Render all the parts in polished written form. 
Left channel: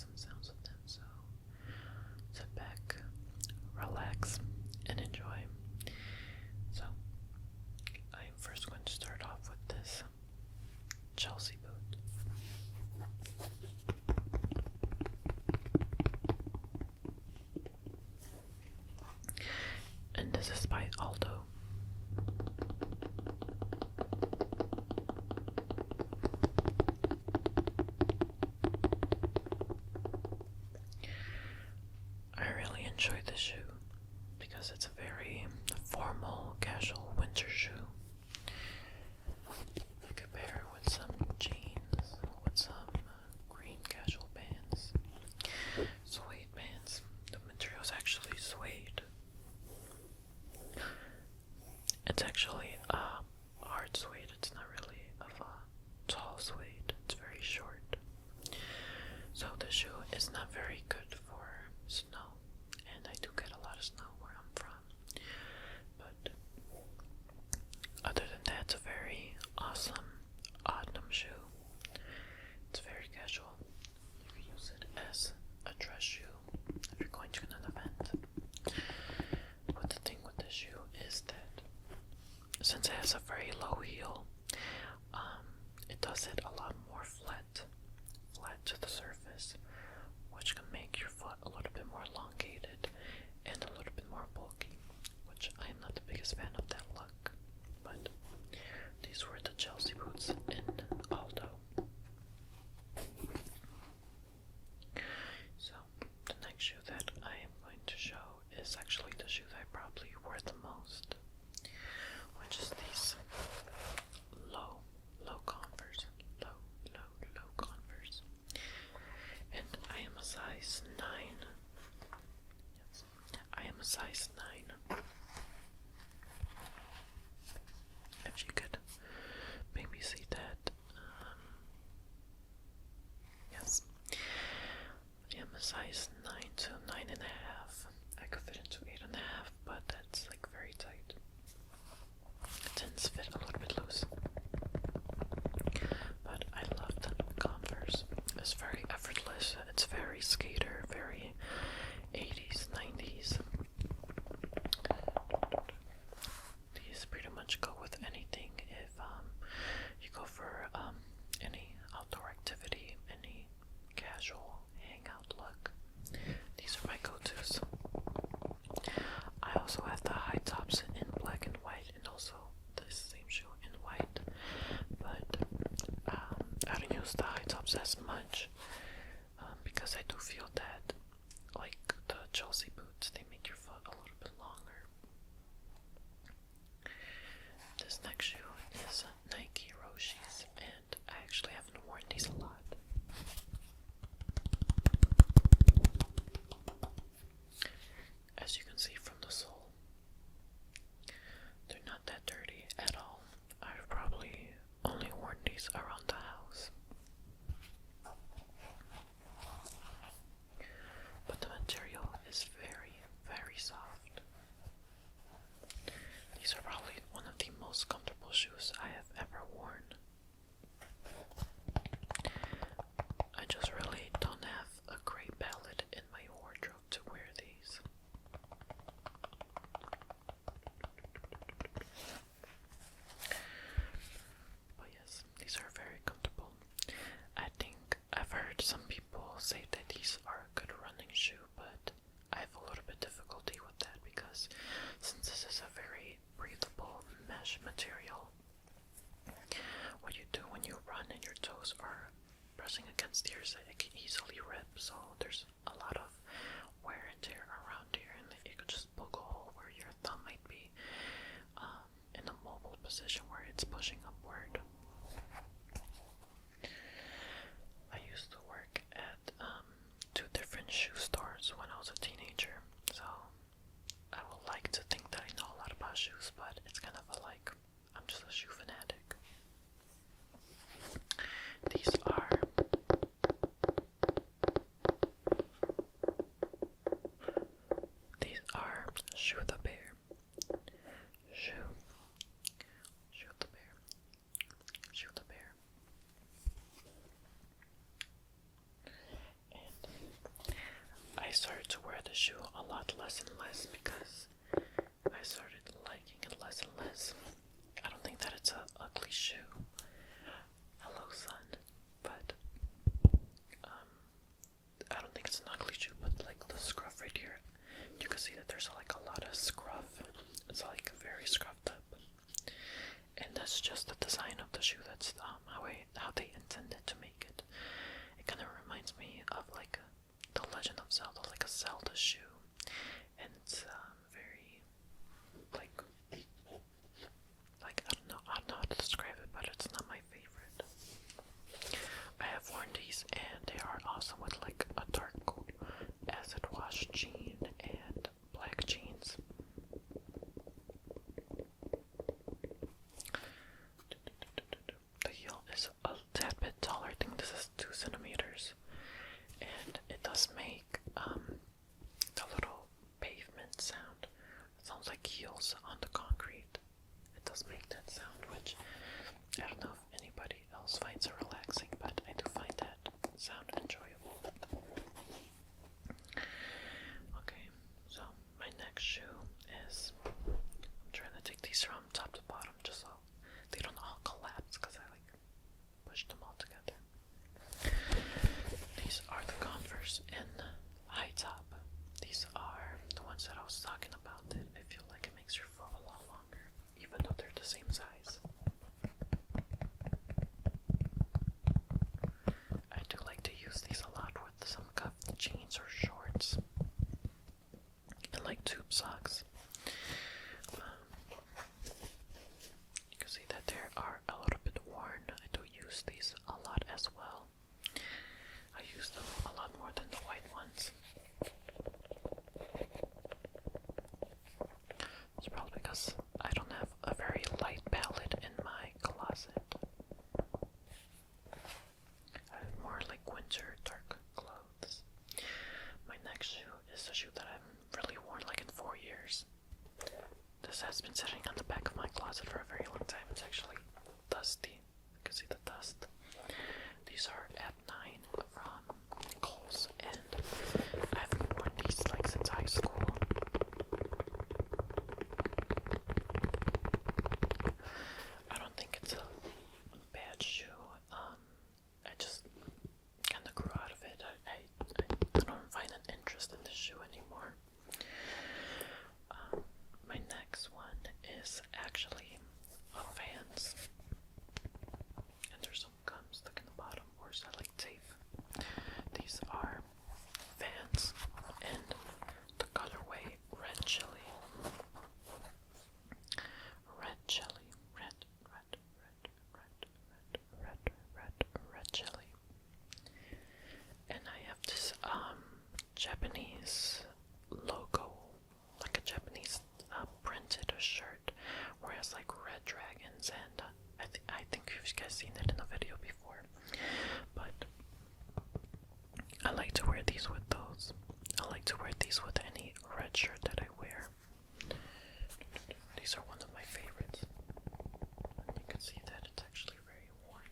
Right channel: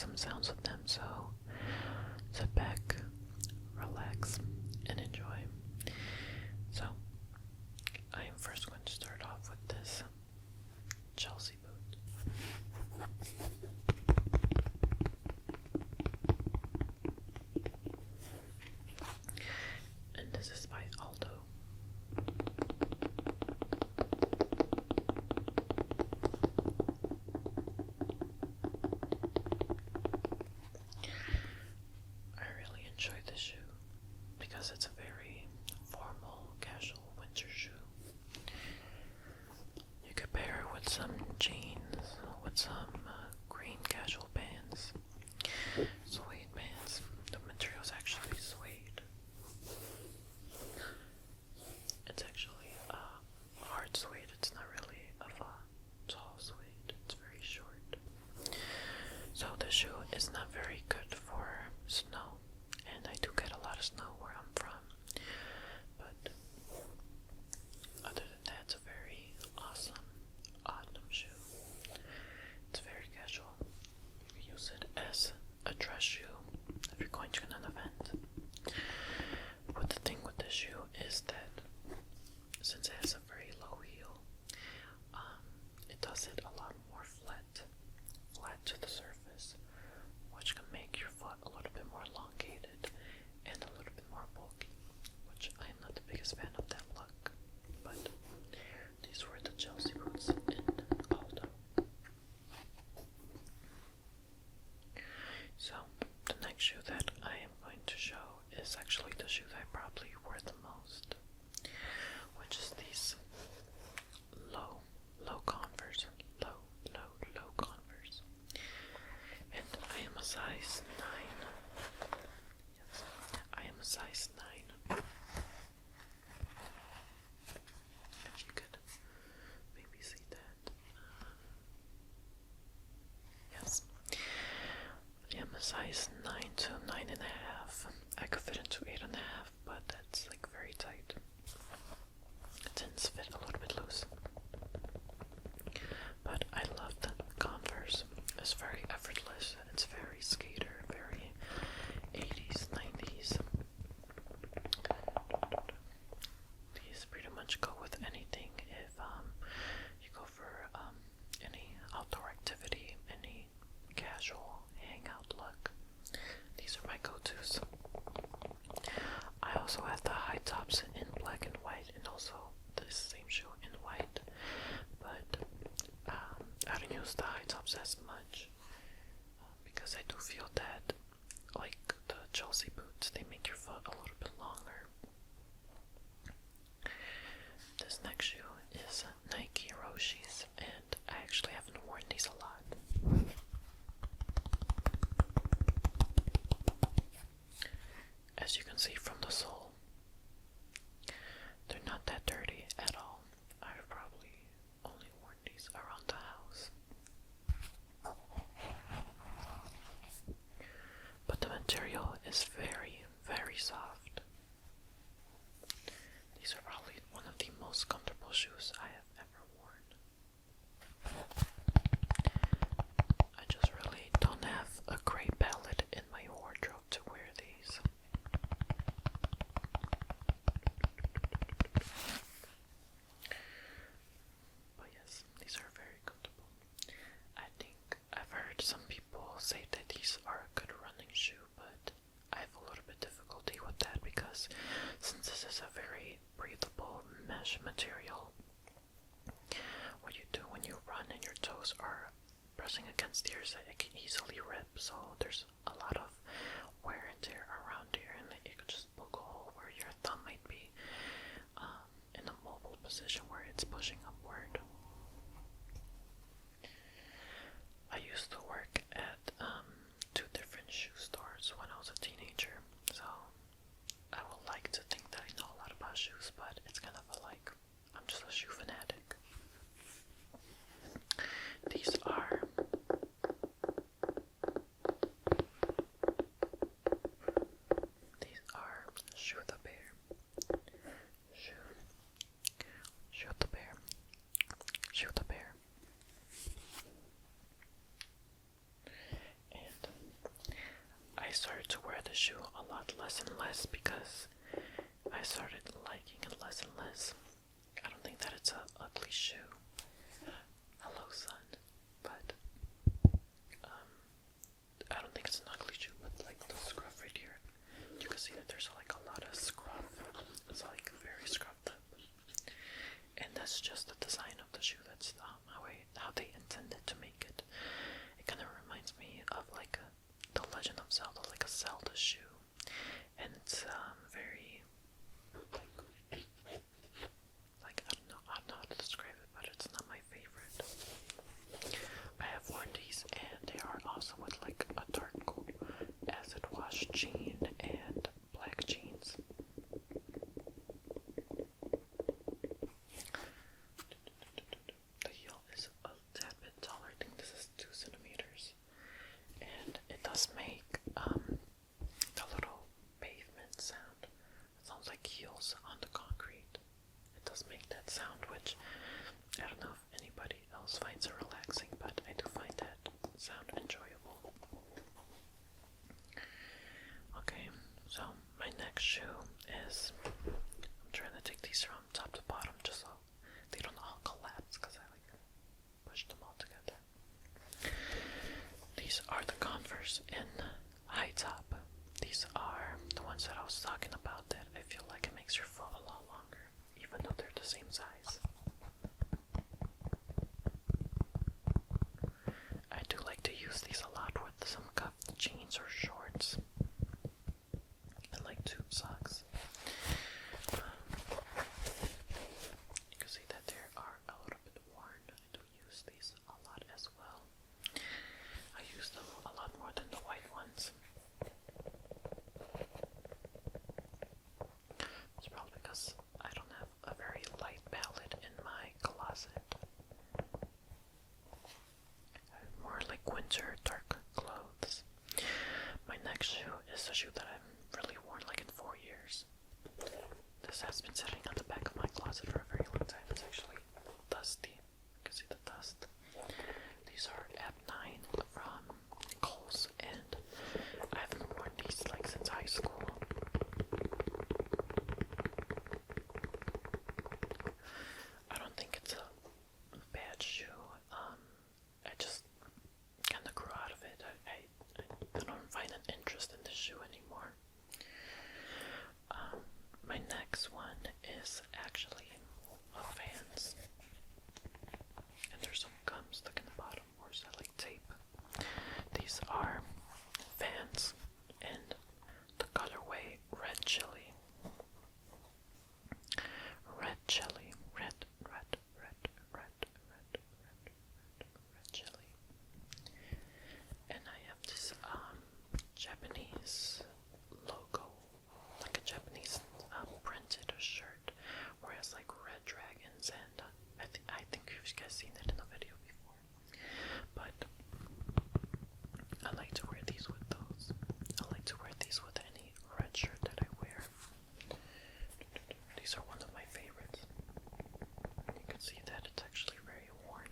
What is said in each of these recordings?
some sounds with them, so sit back, relax, and enjoy. So, I am first going to start off with this Chelsea boot. And this is by Aldo. I really enjoy this shoe because it's a very formal, casual winter shoe. You could pair it with some jeans, with some green casual pants, suede pants. The material is actually suede. It's actually hard suede. It's not really of a tall suede. It's very short. So the shoe is not very good for snow, and I do get a lot of snow where I'm from. But other than that, it's a very awesome autumn shoe. It's very casual. You can use it as a dress shoe if you're going to an event. But the thing with this shoe is that since it has a very low heel, it does hit a lot more flat to the surface, which can make your foot a little bit more elongated and a little bit more bulky, which I am not the biggest fan of that look. But these were the Chelsea boots in Aldo. So the next shoe that I am going to show is actually the shoe that I probably wear the most, which is these low Converse. Low Converse. And I am a size 9. Yes, I am a size 9. If you could maybe see that. Yes. I am a size 9 to 9.5. I could fit into 8.5, but that's like very tight. It tends to fit a little bit loose. But I love the Converse. It's very effortless. It's very skater, very 80s, 90s. These pretty much go with anything. If you go for any outdoor activity, any casual hangout look, these are my go-tos. I also have the high tops in black and white, and also this same shoe in white, but I don't use the high tops as much because I do feel that, like the Chelsea boots, they make your foot a little bit longer. This next shoe is Nike Roshi's, and I actually haven't worn these a lot. As you can see from the sole, they're not that dirty at all. I've probably only worn these around the house. But the material is very, very soft. These are probably one of the most comfortable shoes I have ever worn. I just really don't have a great palette in my wardrobe to wear these. But yes, these are very comfortable. I think I've heard some people say that these are a good running shoe, but I have a little bit difficulty with that because since this is a very breathable mesh material, what you do when you run and your toes are pressing against yours, it can easily rip, so there's a lot of wear and tear around here, and it could just poke a hole where your thumb might be in a mobile position where it's pushing upward. I used to work at 2 different shoe stores when I was a teenager, so I would like to think that I know a lot about shoes, but it's kind of like I'm just a shoe fanatic. These are Shoe the Bear. the shoe a lot less and less because I started liking it less and less. I don't think that it's an ugly shoe. Hello, son. But I don't think it's an ugly shoe, but like the scruff right here, you can see that there's like a lot of scruff. It's like very scruffed up, and that's just the design of the shoe. That's how they intended to make it. It kind of reminds me of like the Legend of Zelda, like a Zelda shoe, and it's very like I don't know how to describe it, but it's not my favorite. I have worn these, and they are awesome with like a dark acid wash jean and black jeans. The heel is a tad bit taller. I think this is 2 centimeters, and it does make the little pavement sound. It sounds like heels on the concrete. It does make that sound, which I don't know if anybody else finds it relaxing, but I do find that sound enjoyable. Okay, so my next shoe is, I'm trying to take these from top to bottom just so they don't all collapse because I like pushed them all together. These are the Converse in high top. These are the ones that I was talking about that I feel like it makes your foot a lot longer, even though they're the same size. I do like to use these a lot with some cuffed jeans or shorts and like tube socks. You can see that they are a little bit worn. I do use these a lot as well. I use them a lot more than the white ones. It's probably because I don't have a very light palette in my closet. I have more like winter dark clothes. My next shoe is a shoe that I've really worn like in 4 years. This has been sitting on the back of my closet for a very long time. It's actually dusty. You can see the dust. These are App 9 from Kohl's, and I haven't worn these like since high school. I don't think it's a bad shoe. I just kind of grew out of it. I don't find an interest in this shoe anymore. My next one is actually Vans, and there's some gum stuck in the bottom, or is that like tape? These are Vans in the colorway Red Chili. Red Chili. Red Chili. And I have this Japanese logo, like a Japanese printed shirt where it has like red dragons, and I think you guys seen it in a video before. But I like to wear these with those. I like to wear these with any red shirt that I wear. These are one of my favorites. You can see that it's actually very worn.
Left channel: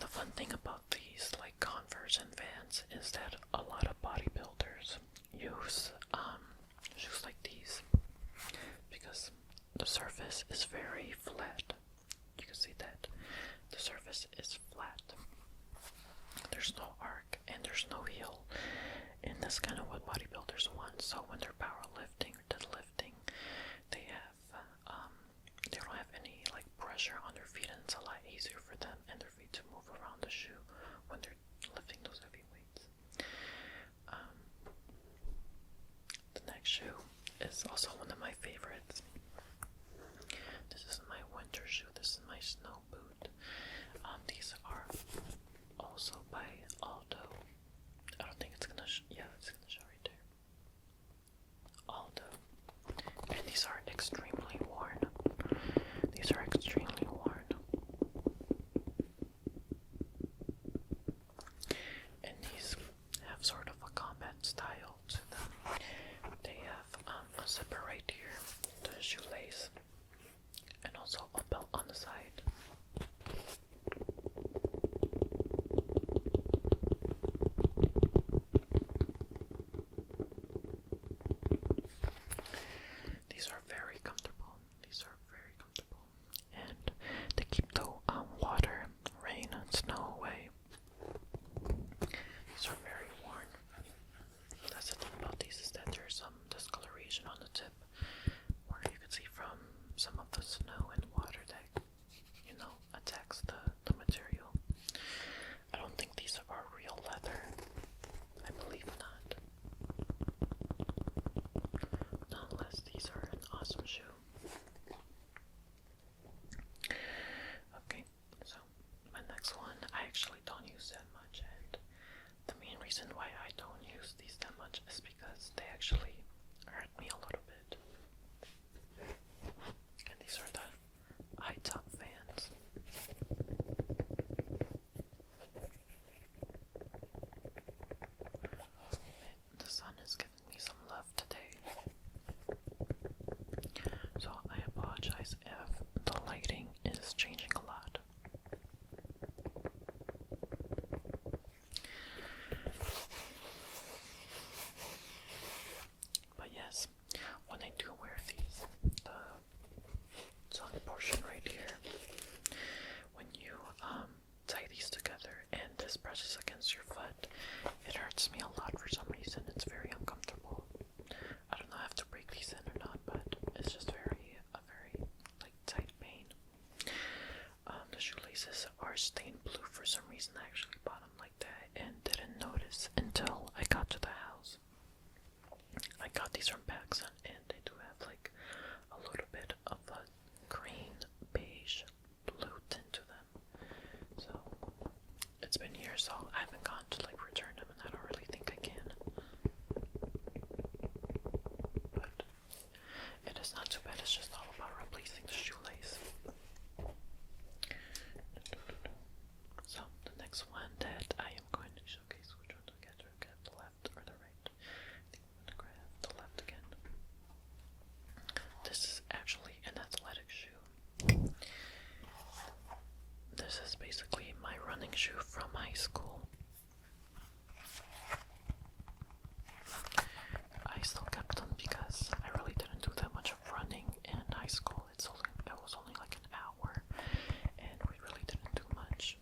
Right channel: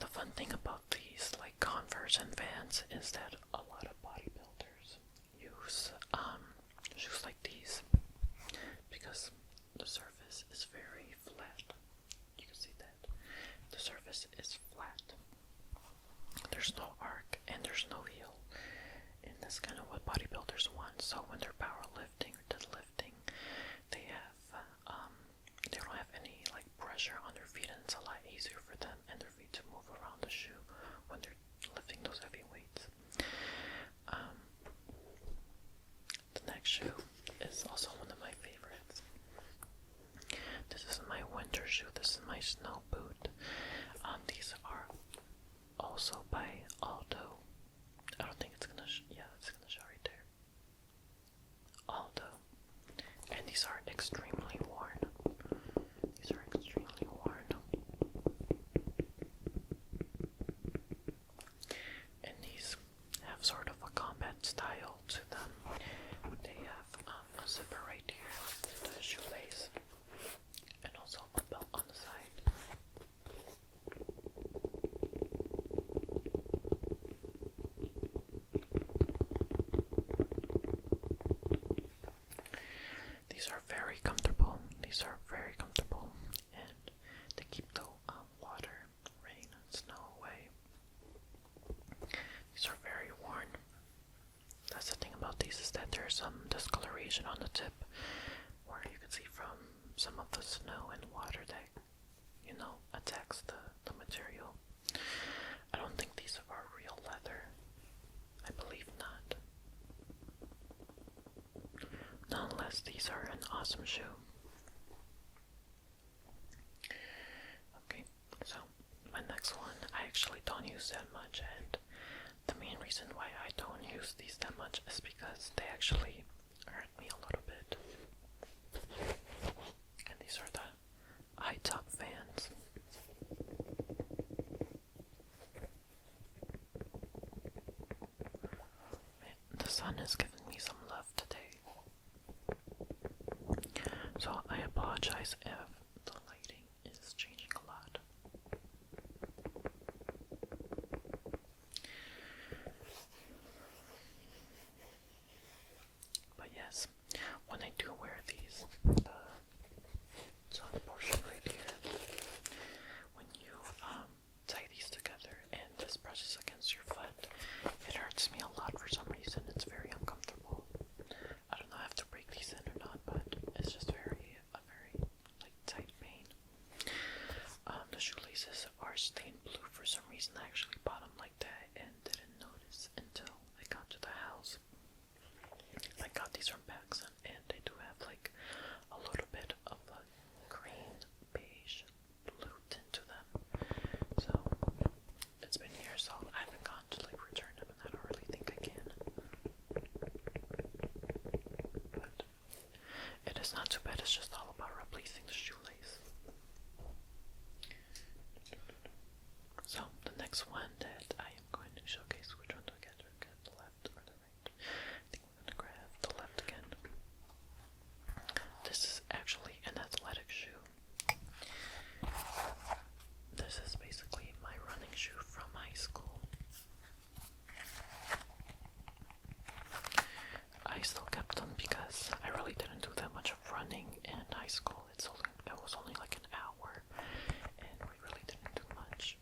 The fun thing about these like Converse and Vans is that a lot of bodybuilders use shoes like these because the surface is very flat. You can see that the surface is flat. There's no arc and there's no heel, and that's kind of what bodybuilders want. So when they're powerlifting or deadlifting, they don't have any like pressure on their feet, and it's a lot easier for them and their feet to move around the shoe when they're lifting those heavy weights. The next shoe is also one of my favorites. This is my winter shoe. This is my snow boot. These are also by Aldo. I don't think it's gonna it's gonna show right there. Aldo. And these are extremely worn. These are extremely worn. And these have sort of a combat style to them. They have a zipper right here, the shoelace, and also a belt on the side. abrasion on the tip, where you can see from some of the snow and water that, attacks the material. I don't think these are real leather. I believe not. Nonetheless, these are an awesome shoe. Okay, so my next one, I actually don't use that much, and the main reason why I don't use these that much is because they actually hurt me a little bit. And these are the high top fans. The sun is giving me some love today, so I apologize if the lighting is changing a lot. But yes, when I do wear these, the portion right here, when you tie these together and this presses against your foot, it hurts me a lot for some reason. It's very uncomfortable. I don't know if I have to break these in or not, but it's just a very like tight pain. The shoelaces are stained blue for some reason. I actually bought them like that and didn't notice until I got to the house. I got these from PacSun, and they do have like a little bit of a green beige blue tint to them. So it's been years, so I haven't gone to like return them, and I don't really think I can. But it is not too bad. It's just all about replacing the shoelace. So the next one that I am going to showcase, which one do I get? Do I get the left or the right? I think we're going to grab the left again. This is actually an athletic shoe. This is basically my running shoe from high school. I still kept them because I really didn't do that much of running in high school. It was only like an hour, and we really didn't do much.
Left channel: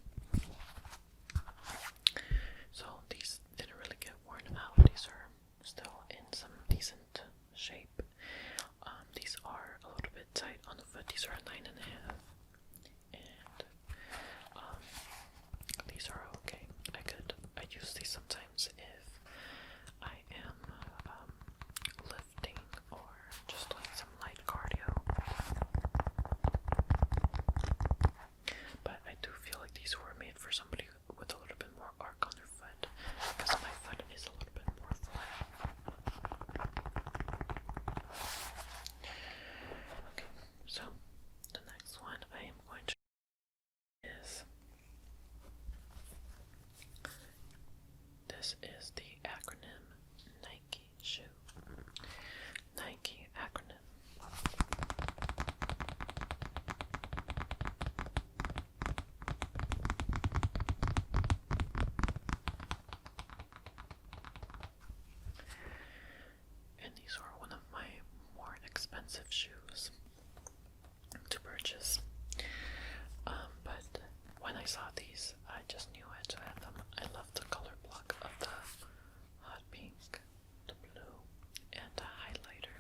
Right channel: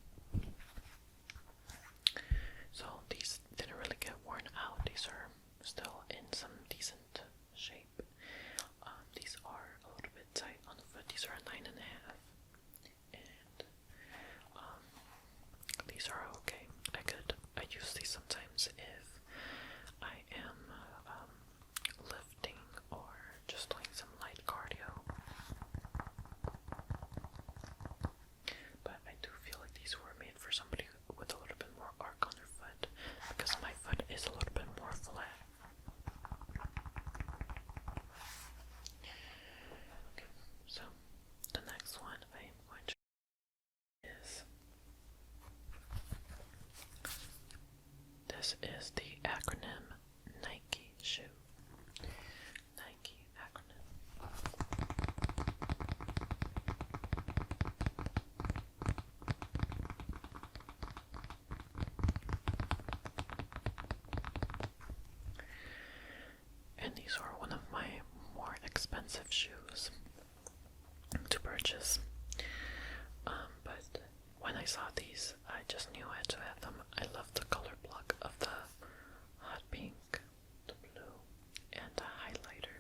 So these didn't really get worn out. These are still in some decent shape. These are a little bit tight on the foot. These are a 9.5, and these are okay. I use these sometimes if I am lifting or just doing some light cardio. But I do feel like these were made for somebody with a little bit more arc on their foot, because my foot is a little bit more flat. Okay, so the next one I am going to is this is the acronym Nike shoe. Nike acronym. And these are one of my more expensive shoes to purchase. But when I saw these, I just knew I had to have them. I love the color block of the hot pink, the blue, and the highlighter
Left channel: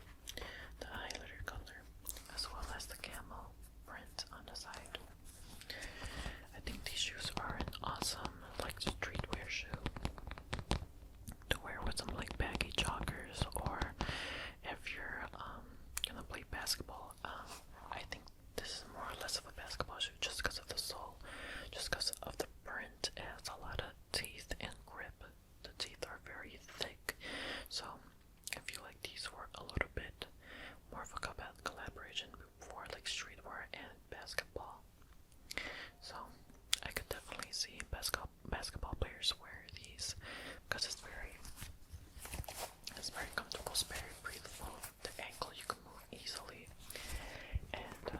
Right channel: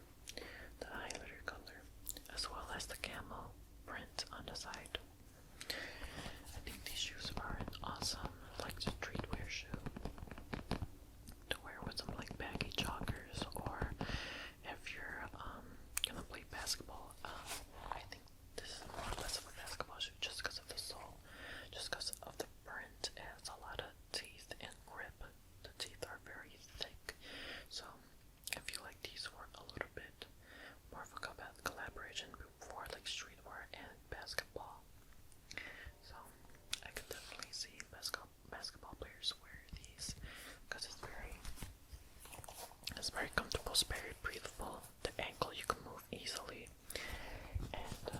color, as well as the camo print on the side. I think these shoes are an awesome, like, streetwear shoe to wear with some like baggy joggers, or if you're gonna play basketball. I think this is more or less of a basketball shoe just because of the sole, just because of the print. It has a lot of teeth and grip. The teeth are very thick, so I feel like these were a little bit more of a collaboration for like streetwear and basketball. So I could definitely see basketball players wear these because it's very comfortable, it's very breathable. The ankle you can move easily, and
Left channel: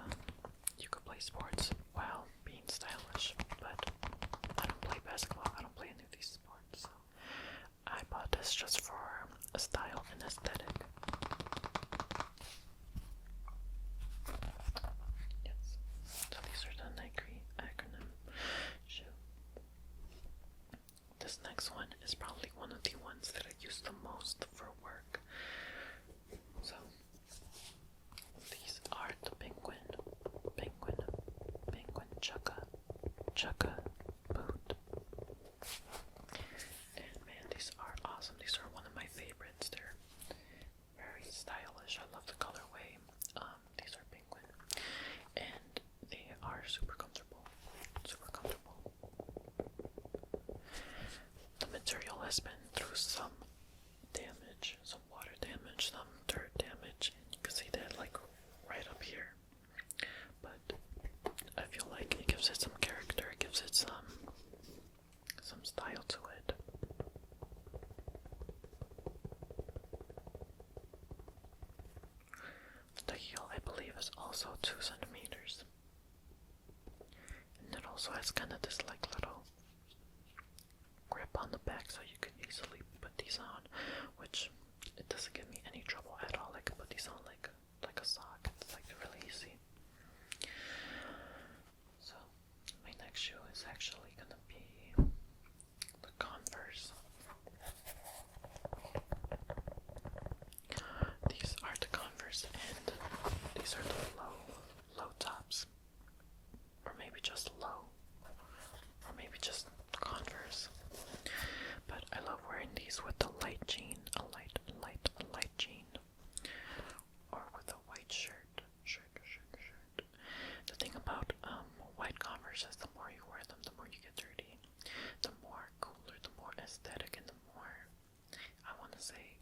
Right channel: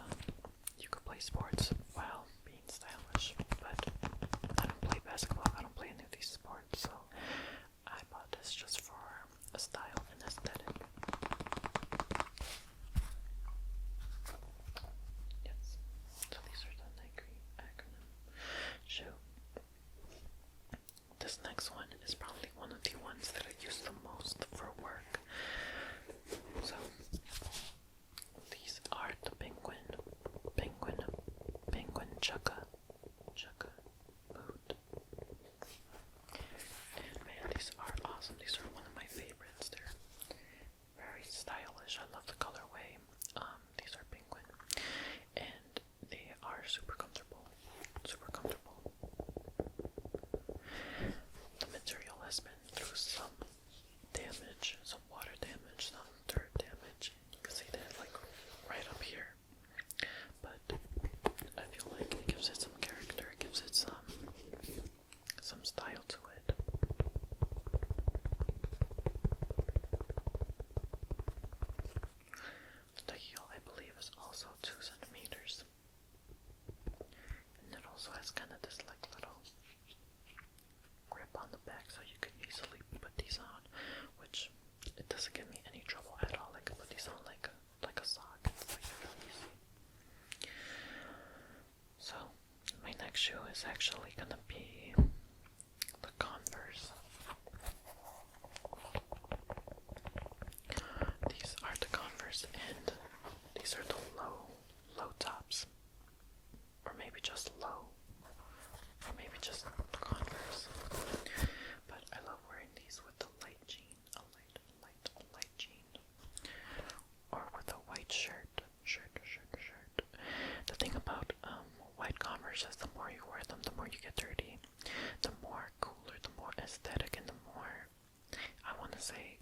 you could play sports while being stylish. But I don't play basketball, I don't play any of these sports, so I bought this just for a style and aesthetic. Yes, so these are the Nike acronym shoe. This next one is probably one of the ones that I use the most for work. So chukka boot. And man, these are awesome. These are one of my favorites. They're very stylish. I love the colorway. These are penguin, and they are super comfortable. Super comfortable. The material has been through some damage, some water damage, some dirt damage. You can see that like right up here. But I feel like it gives it some character. It gives it some style to it. The heel, I believe, is also 2 centimeters. And it also has kind of this like little grip on the back, so you can easily put these on, which it doesn't give me any trouble at all. I can put these on like a sock. It's like really easy. So my next shoe is actually gonna be the Converse. These are the Converse, and these are the low tops, or maybe just low, or maybe just Converse. But I love wearing these with the light jean, a light jean, or with a white shirt. The thing about white Converse is the more you wear them, the more you get dirty, the more cooler, the more aesthetic, and the more, I want to say,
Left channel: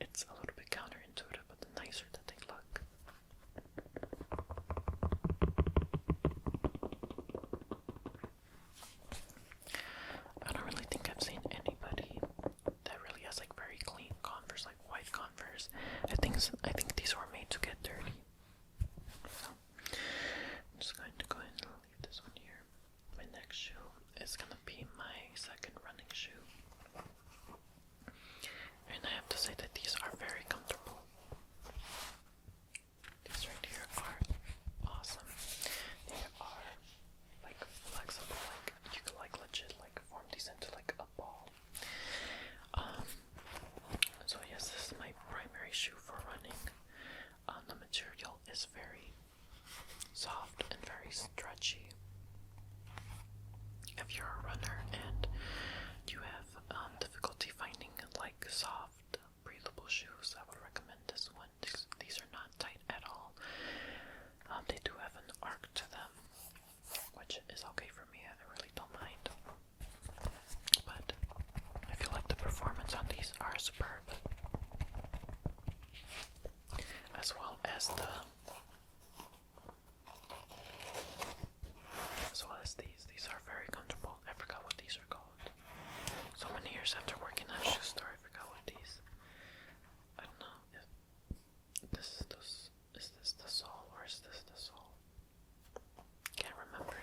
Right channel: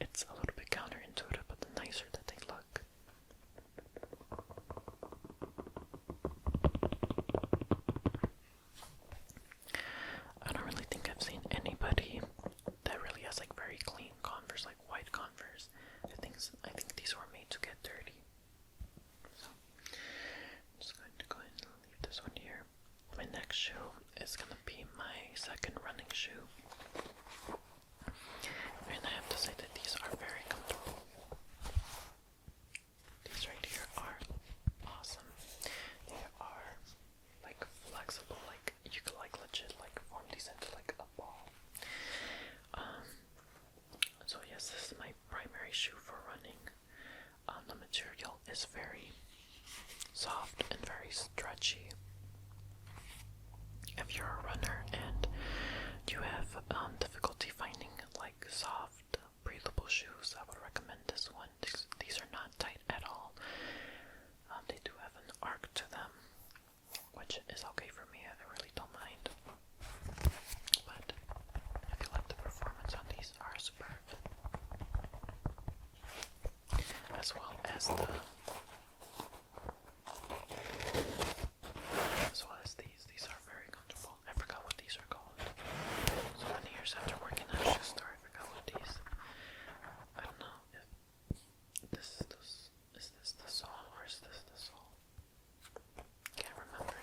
it's a little bit counterintuitive, but the nicer that they look. I don't really think I've seen anybody that really has like very clean Converse, like white Converse. I think these were made to get dirty. So I'm just going to go ahead and leave this one here. My next shoe is gonna be my second running shoe. And I have to say that these are very comfortable. These right here are awesome. They are like flexible, like you could like legit like form these into like a ball. So yes, this is my primary shoe for running. The material is very soft and very stretchy. If you're a runner and you have difficulty finding like soft, breathable shoes, I would recommend this one. These are not tight at all. They do have an arc to them, which is okay for me. I really don't mind. But I feel like the performance on these are superb. As well as these. These are very comfortable. I forgot what these are called. So many years after working at a shoe store, I forgot what these. I don't know if is this the sole or is this the sole? Can't remember.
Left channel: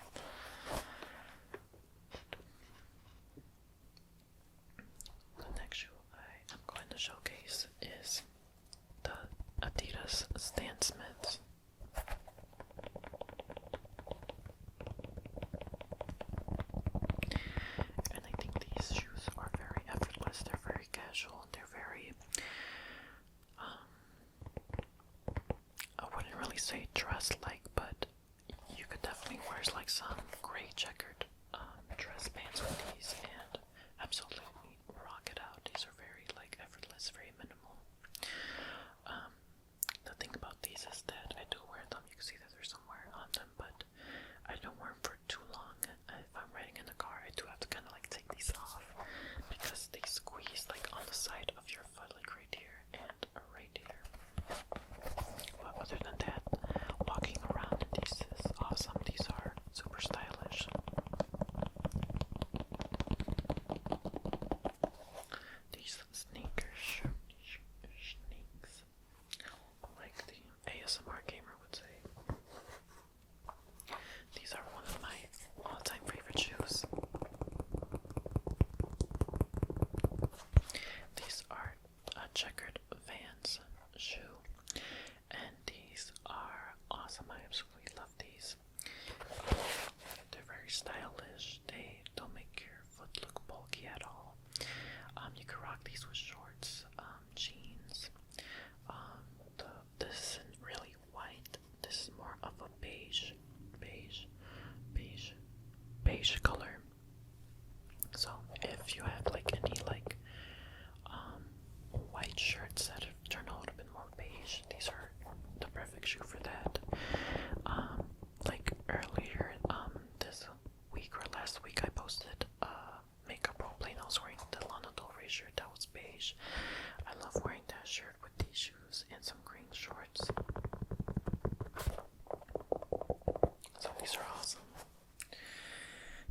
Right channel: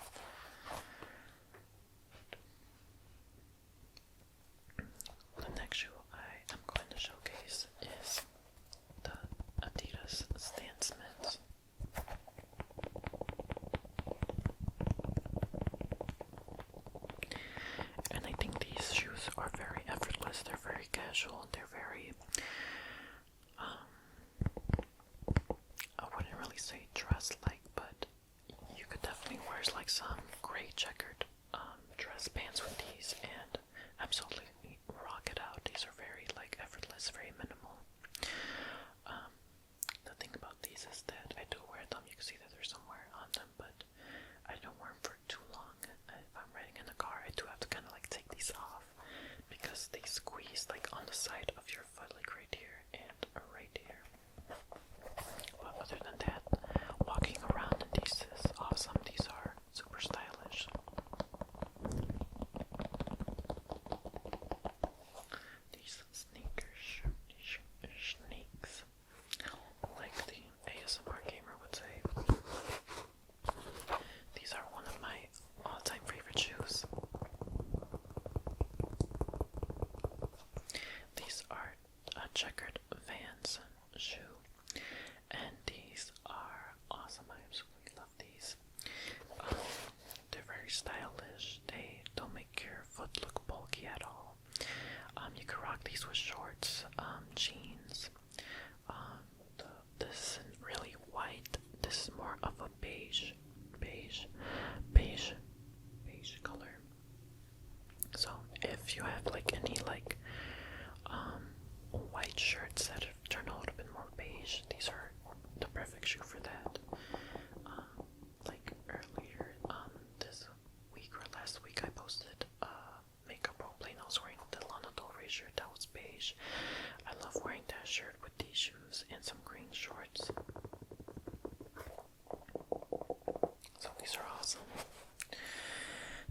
The next shoe I am going to showcase is the Adidas Stan Smiths. And I think these shoes are very effortless. They're very casual. They're very I wouldn't really say dress-like, but you could definitely wear like some gray checkered dress pants with these and absolutely rock it out. These are very like effortless, very minimal. The thing about these is that I do wear them. You can see that there's some wear on them, but I don't wear them for too long. If I'm riding in the car, I do have to kind of like take these off because they squeeze like on the side of your foot, like right here and right here. But other than that, walking around in these is awesome. These are super stylish. These sneakers, sneaks, like the ASMR gamer would say. These are one of my all-time favorite shoes. These are a checkered Vans shoe, and these are awesome. I absolutely love these. They're very stylish. They don't make your foot look bulky at all. You can rock these with shorts, jeans. This isn't really white. This is more of a beige awesome.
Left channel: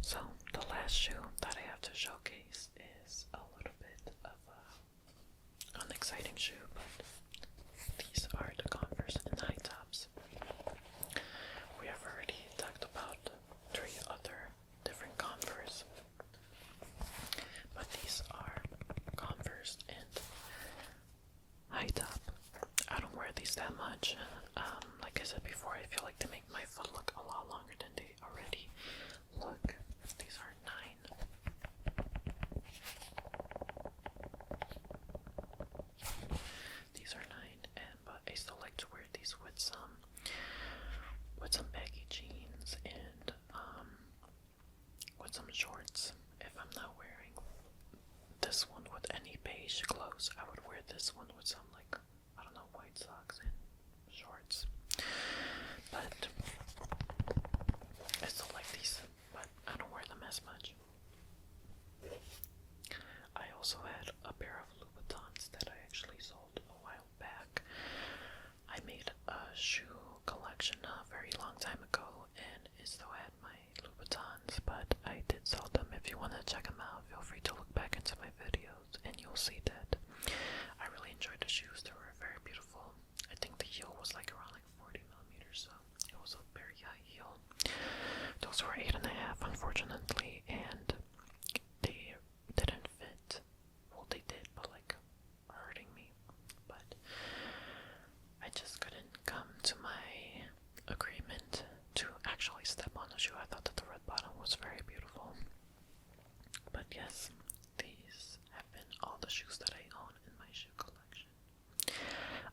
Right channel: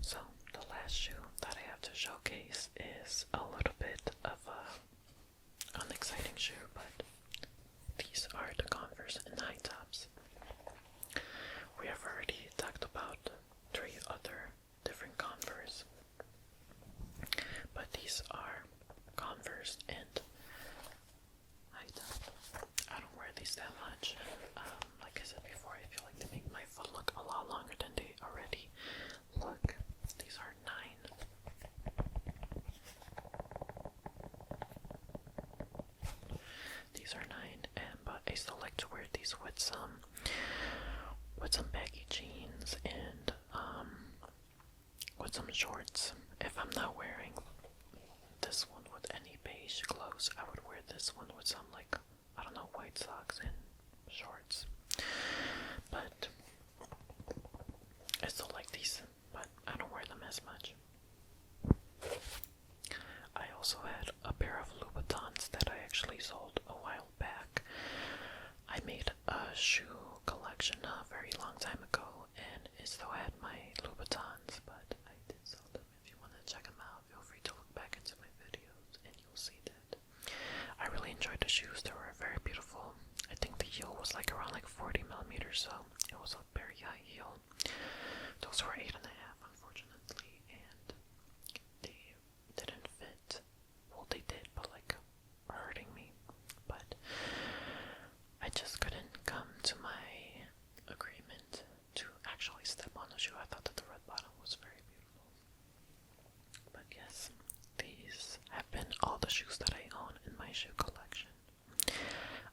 So, the last shoe that I have to showcase is a little bit of an exciting shoe, but these are the Converse and high tops. We have already talked about 3 other different Converse, but these are Converse and high top. I don't wear these that much. Like I said before, I feel like they make my foot look a lot longer than they already look. These are 9. These are 9, but I still like to wear these with some baggy jeans and with some shorts. If I'm not wearing this one with any beige clothes, I would wear this one with some, like, I don't know, white socks and shorts. But I still like these, but I don't wear them as much. I also had a pair of Louboutins that I actually sold a while back. I made a shoe collection a very long time ago, and it still had my Louboutins, but I did sell them. If you want to check them out, feel free to look back into my videos, and you'll see that I really enjoyed the shoes. They were very beautiful. I think the heel was like around like 40 millimeters, so it was a very high heel. Those were 8.5, unfortunately, and they didn't fit. Well, they did, but like hurting me. But I just couldn't come to my agreement to actually step on the shoe. I thought that the red bottom was very beautiful. But yes, these have been all the shoes that I own in my shoe collection.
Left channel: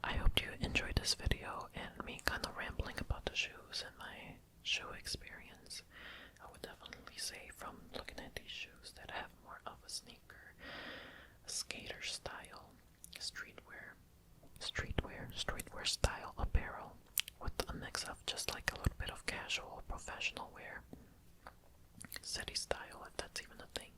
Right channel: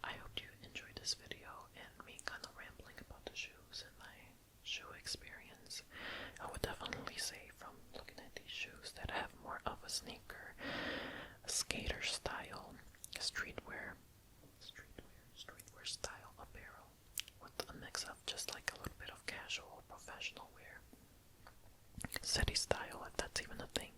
I hope you enjoyed this video and me kind of rambling about the shoes and my shoe experience. I would definitely say from looking at these shoes that have more of a sneaker, a skater style, streetwear style apparel with a mix of just like a little bit of casual professional wear. City style, if that's even a thing.